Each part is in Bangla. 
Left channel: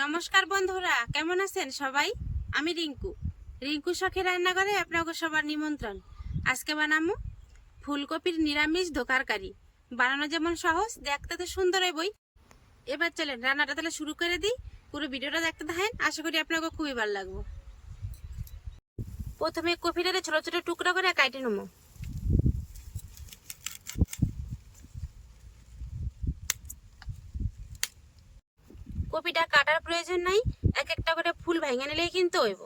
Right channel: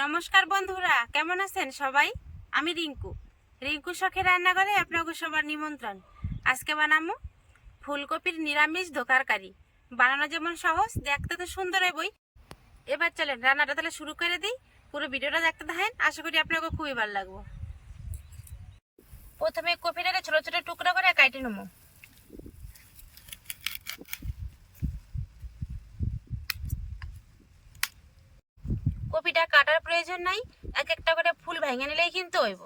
নমস্কার বন্ধুরা, কেমন আছেন সবাই? আমি রিঙ্কু শখের রান্নাঘরে আপনাকে সবার নিমন্ত্রণ। আজকে বানাবো ফুলকপির নিরামিষ দোকারকারি। বানানো যেমন সহজ, দেখতে তো সুন্দর হইবই। এবার চলেন রান্নাটা তাহলে শুরু করে দিই। পুরো ভিডিওটা দেখতে থাকেন, আশা করি আপনাকে খুবই ভালো লাগবে। প্রথমে কপিটাকে ছোট ছোট টুকরো করে কাটে নেব। কপিটা কাটার প্রয়োজন নাই, এক একটা করে ফুল ভেঙে নিলেই কিন্তু হইব।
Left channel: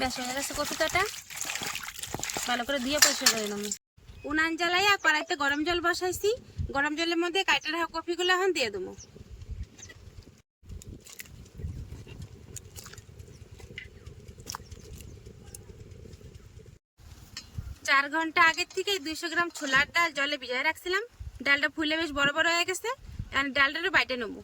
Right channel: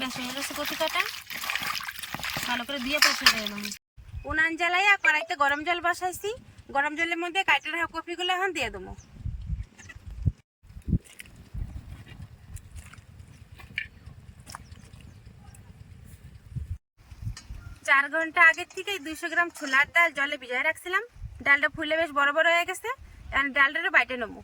বেশ হয়ে গেছে কপি কাটা, ভালো করে দিয়ে পরিষ্কার করে নেব। উনান জ্বালাইয়া কড়াইতে গরম জল বসাইছি। গরম জলের মধ্যে কাটা রাখা কপিগুলো এখন দিয়ে দেবো। 4 ঘন্টা আগের থেকে 200 গ্রাম ছোলার ডাল জলে ভিজায় রাখছিলাম। ডালটা ফুলে বেশ বড় বড় হয়ে গেছে, এখন ডালটা বাইটে নেবো।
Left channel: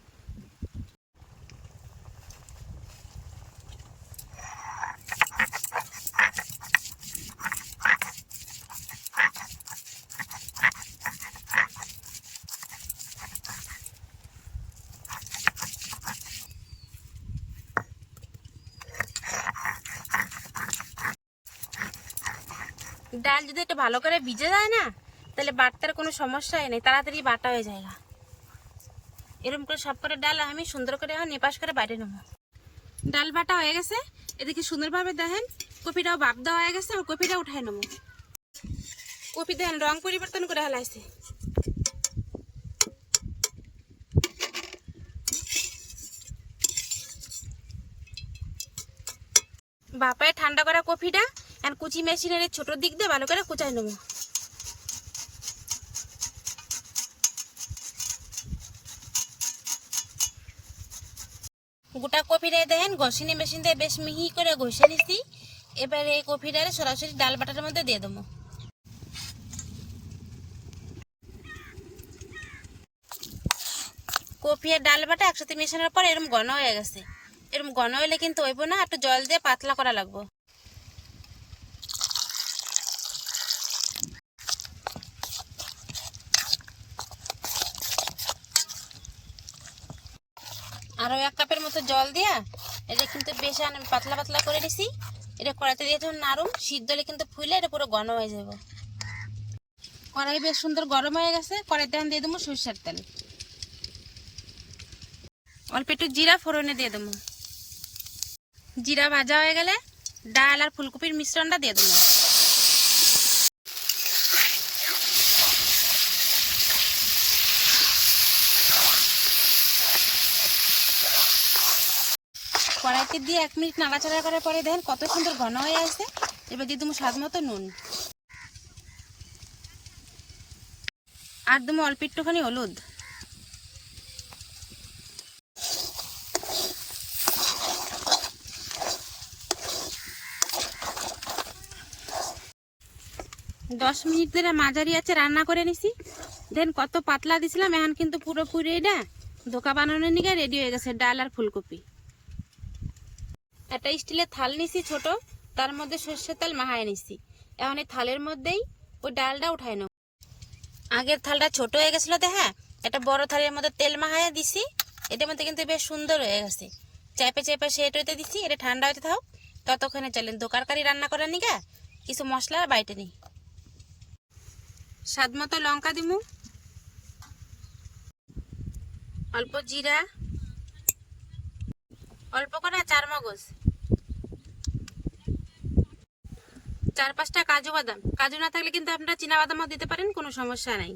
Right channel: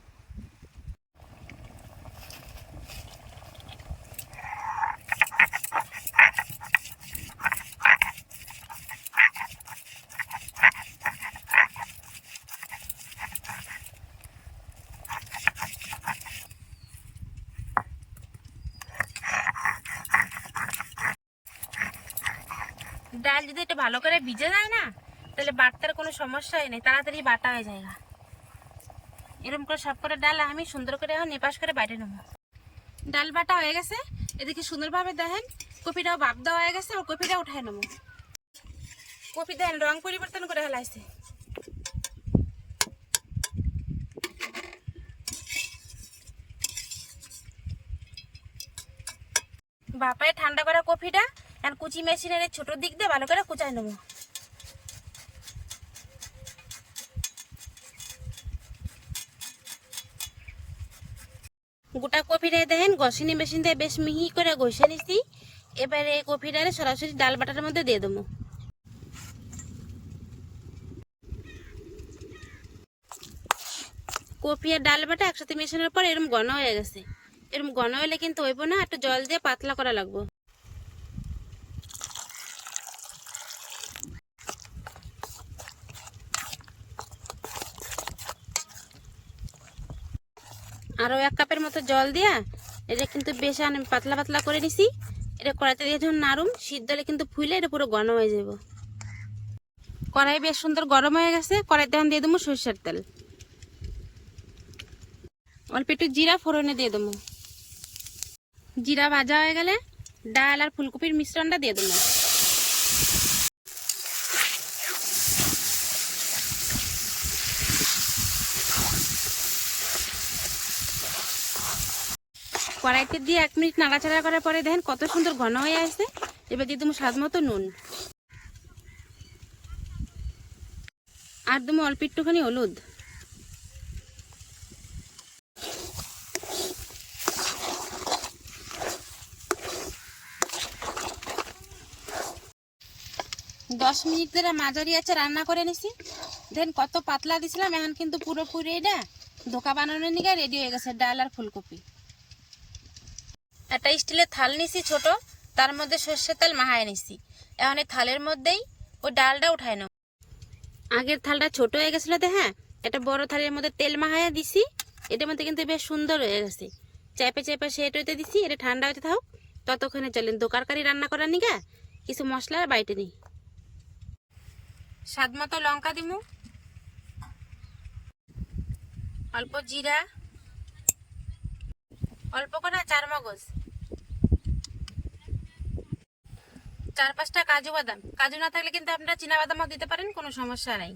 ডাল যদি একটু ভালো করে ভিজে যায় না, তাহলে বাটতার কোনো সমস্যাই নেই, তাড়াতাড়ি বাটা হয়ে যায়। এরকম করে সব করে ডাল আমি সুন্দর করে এখন এপাশ করে বাইটে নেব। ডাল বাটা হয়ে গেছে, এদিকে সুন্দরভাবে দেখেন কপিটাও ভাপ দেওয়া হয়ে গেছে। কপিটা উঠাই নেব। কপি দেখেন রং পরিবর্তন করে হেলাইছে। বাপায় ঠান্ডা করা কপিটা এখন কুচি মেশিনের ছোট দিক দিয়ে ভালো করে কুচাই নেব। গোটা কপিটা দেখেন ঘষিনি মেশিন দিয়ে বেশ মিহি করে ঘষে নিছি। এবারে এই কপিটারে সরাসরি ডাল বাটার মধ্যে দিয়ে দেবো। কপি আর ডাল বাটা একসাথে মেশানোর পর এরকম ঘন হয়ে গেছে। এরকম ঘন হলে কিন্তু হইব না, একটু জল দিয়ে পাতলা করা লাগবে। আরও 1 কাপের মতো জল দিয়া এটা কিন্তু বেশ আমি পাতলা পাতলা করে নিছি। এটা কড়াইতে দিয়ে যখন নাড়ুম সিদ্ধ হলে কিন্তু ফুলে এটা পুরো ঘন হয়ে যাব। কড়াই বেশ সুন্দর গরম হয়ে গেছে। কড়াইতে এখন দিয়ে দেবো সরষের তেল, অল্প একটু জিরা ফোড়নে দিয়ে দেবো। জিরা ভাজা হয়ে গেলে ডাল আর ফুলকপির মিশ্রণটা দিয়ে দেবো। কড়াইতে দিয়ে 1 মিনিট নাড়াচাড়া করার পরে দেখেন কত সুন্দর ঘন হয়ে আসছে। এবার দিয়ে দেবো স্বাদ মতো নুন, আর দেবো অল্প একটুখানি হলুদ। দশ মিনিট ধরে মাঝারি আছে রান্না করে নিছি। দেন কত পাতলা দিছিলাম, এখন কিন্তু পুরোপুরি এটা ধোকা বানানোর নিগে রেডি হয়ে গেছে ডাল আর ফুলকপি। একটা স্টিলের থাল নিছি ছোট, তার মধ্যে সর্ষের তেল মাখায় নিছি। এখন এই থালের মধ্যেই ওই ডালটা উঠায় নেব। আগের থালটা ছোট হয়ে গেছিলো, হ্যাঁ, একটা বড় থালের মধ্যে তেল মাখাইয়া দিছি। এটার মধ্যে কিন্তু বেশ সুন্দর হয়ে গেছে। চেপে চেপে সেট হইতে দিছি, এটা ঠান্ডা হইতে থাক। ততক্ষণে চলেন দোকারকারি রান্না করার নিগা কিছু মশলা বাইটে নিই। স্বাদ মতো লঙ্কা দিমু, অল্প জিরা, অল্প করে 4 মগজ, 4-5টা কাজু বাদাম। কাজু না থাকলে কিন্তু আপনারা চীনা বাদামও দিতে পারেন, কোনো সমস্যা নাই।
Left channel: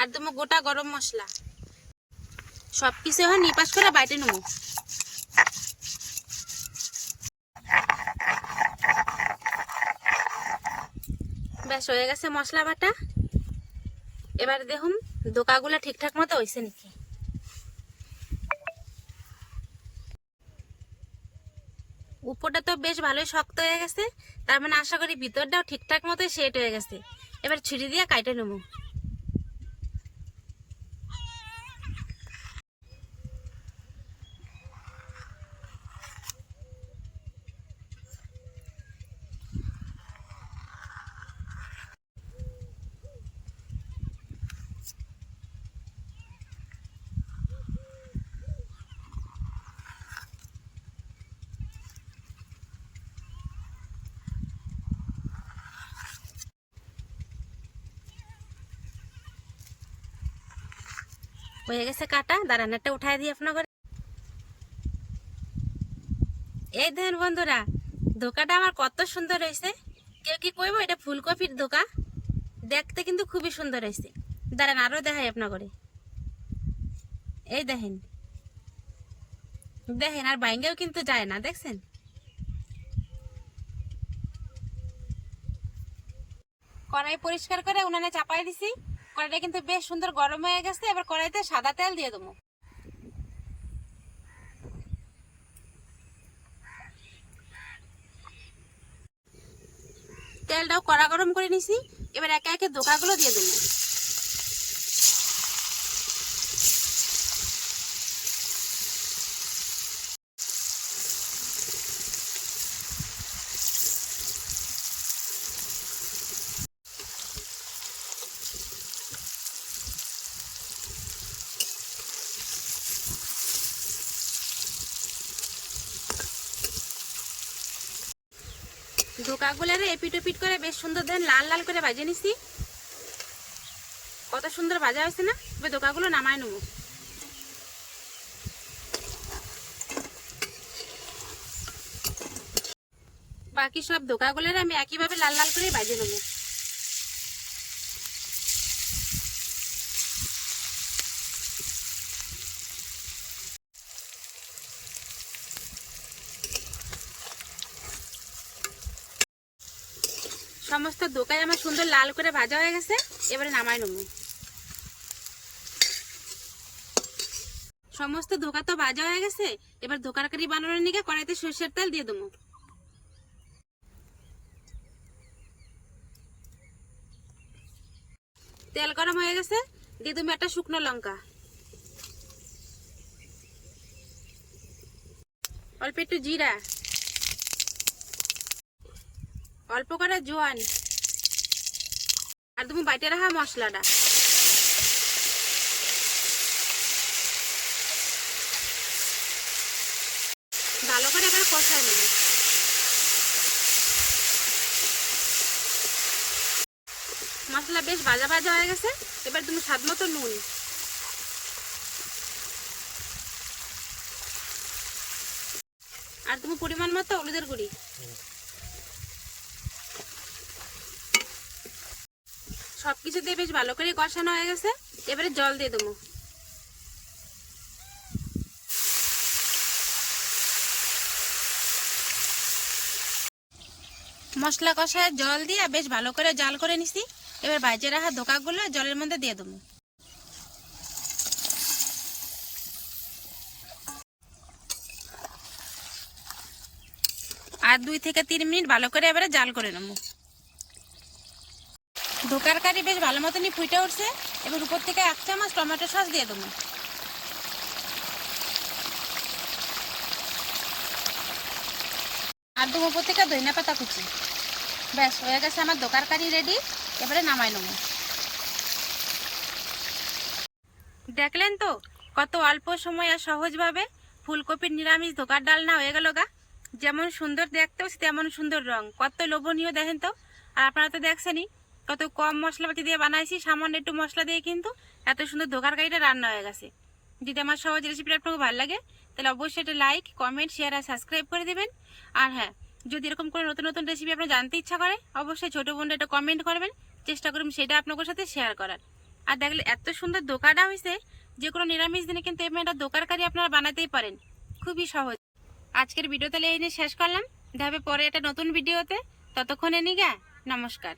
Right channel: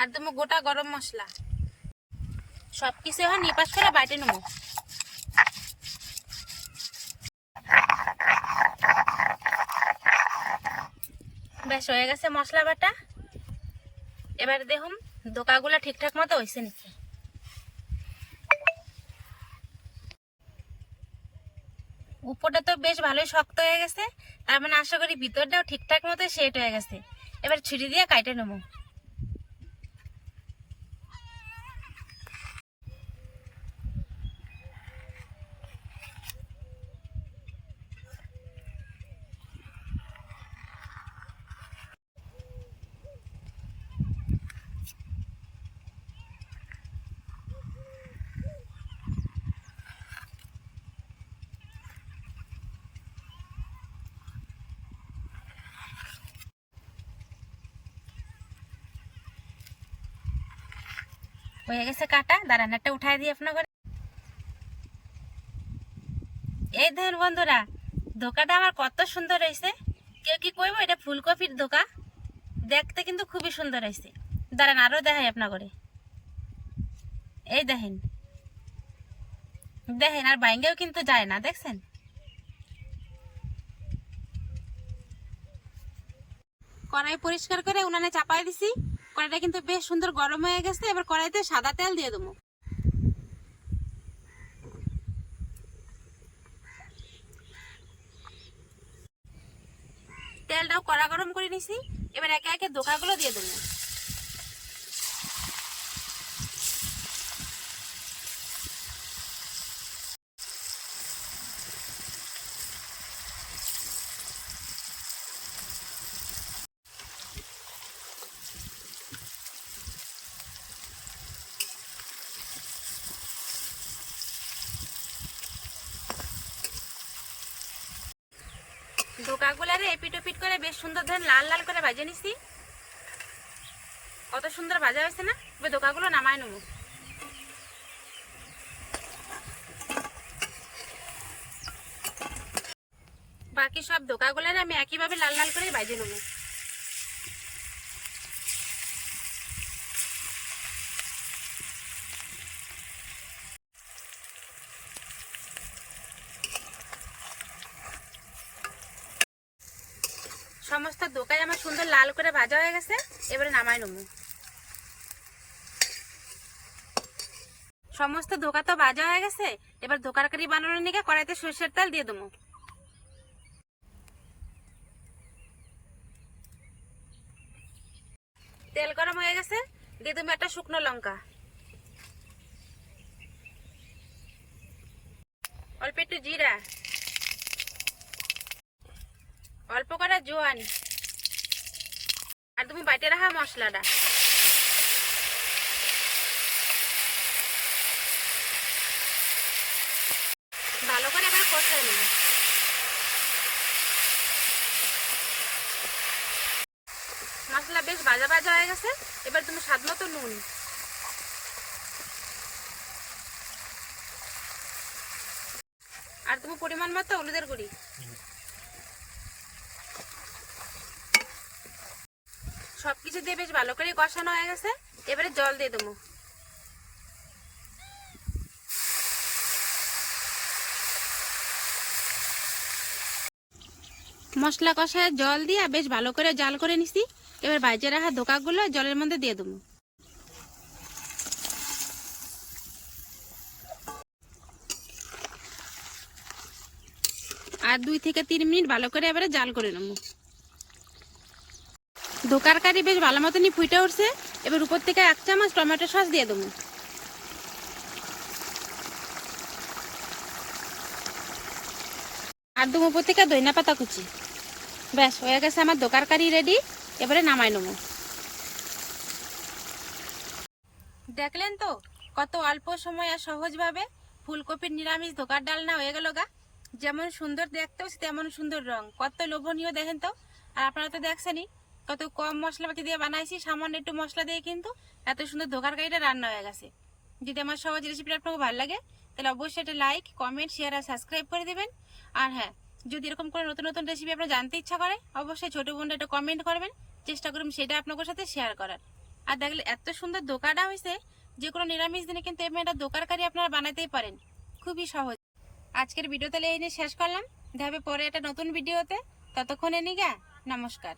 আর দেবো গোটা গরম মশলা। সবকিছু এখন নিপাস করে বাইটে নেবো। বেশ হয়ে গেছে মশলা বাটা। এবার দেখুন দোকাগুলো ঠিকঠাক মতো হয়েছে নাকি। উপরটা তো বেশ ভালোই শক্ত হয়ে গেছে, তার মানে আশা করি ভিতরটাও ঠিকঠাক মতো সেট হয়ে গেছে। এবার ছুরি দিয়ে কাটে নেবো। হয়ে গেছে কাটা, দাঁড়ান একটা উঠাই দিই আপনার ঘরে। এই দেখেন বন্ধুরা, ধোকাটা আমার কত সুন্দর হয়েছে। কেউ কি কইব এটা ফুলকপির ধোকা? দেখতে কিন্তু খুবই সুন্দর হয়েছে। দাঁড়ান আরো দেখাই আপনার ঘরে। এই দেখেন দেখেন, আর বাইঙ্গেও কিন্তু যায় না, দেখছেন? কড়াই পরিষ্কার করে উনানে চাপাই দিছি। কড়াইটা কিন্তু বেশ সুন্দর গরম হয়ে গেছে। এবার কড়াইতে সাদা তেল দিয়ে দেবো। তেলটাও কড়া গরম করে নিছি। এবার একে একে ধোকাগুলো দিয়ে দেবো। ধোকাগুলারে এপিট ওপিট করে বেশ সুন্দর ধরেন লাল লাল করে ভাজে নিছি। কত সুন্দর ভাজা হয়েছে না? এবার ধোকাগুলো নামায় নেবো। বাকি সব ধোকাগুলারে আমি একইভাবে লাল লাল করে ভাজে নেবো। সমস্ত ধোকাই আমার সুন্দর লাল করে ভাজা হয়ে গেছে। এবারে নামাই নেবো। সমস্ত ধোকা তো ভাজা হয়ে গেছে। এবার ধোকার কারি বানানোর নিকে কড়াইতে সরষের তেল দিয়ে দেবো। তেল গরম হয়ে গেছে, দিয়ে দেবো একটা শুকনো লঙ্কা, অল্প একটু জিরা, অল্প করে জোয়ান, আর তুমি বাইটে রাখা মশলাটা। ভালো করে এবার কষাই নেব। মশলা বেশ ভাজা ভাজা হয়ে গেছে। এবার তুমি স্বাদ মতো নুন, আর তুমি পরিমাণ মতো হলুদের গুঁড়ি। সবকিছু দিয়ে বেশ ভালো করে কষানো হয়ে গেছে। এবারে জল দিয়ে দেবো। মশলা কষায় জল দিয়ে বেশ ভালো করে জাল করে নিছি। এবার ভাজে রাখা ধোকাগুলো জলের মধ্যে দিয়ে দেবো। আর 2 থেকে 3 মিনিট ভালো করে এবারে জাল করে নেবো। ধোকার কারি বেশ ভালো মতনই ফুটে উঠছে। এবার উপর থেকে 1 চামচ টমেটো সস দিয়ে দেবো। আর দেবো উপর থেকে ধনিয়া পাতা কুচি। ব্যাস হয়ে গেছে আমার ধোকার কারি রেডি। এবারে নামাই নেবো। দেখলেন তো কত অল্প সময় আর সহজভাবে ফুলকপির নিরামিষ ধোকার ডালনা হয়ে গেল গা। যেমন সুন্দর দেখতেও তেমন সুন্দর রং, কত লোভনীয় দেখেন তো। আর আপনারা তো দেখছেনই কত কম মশলাপাতি দিয়ে বানাইছি, সামান্য একটু মশলা দিয়ে কিন্তু এত সুন্দর ধোকার কারিটা রান্না হয়ে গেছে। যদি আমার সহজ রেসিপিটা আপনাকে ভালো লাগে তাহলে অবশ্যই একটা লাইক, কমেন্ট, শেয়ার আর সাবস্ক্রাইব করে দেবেন। আর হ্যাঁ, যদি এরকম করে নতুন নতুন রেসিপি আপনার জানতে ইচ্ছা করে অবশ্যই ছোটো বোনটা একটা কমেন্ট করবেন, চেষ্টা করুন সেটা আপনাদের সাথে শেয়ার করার। আর দেখলে এত সুন্দর ধোকাটা হয়েছে, যে কোনো নিরামিষ দিনে কিন্তু এমন একটা ধোকার কারি আপনারা বানাতেই পারেন, খুবই সহজ। আজকের ভিডিও তাহলে এই নিয়ে শেষ করলাম। দেখা হবে পরে একটা নতুন ভিডিওতে। ততক্ষণে নিগা নমস্কার।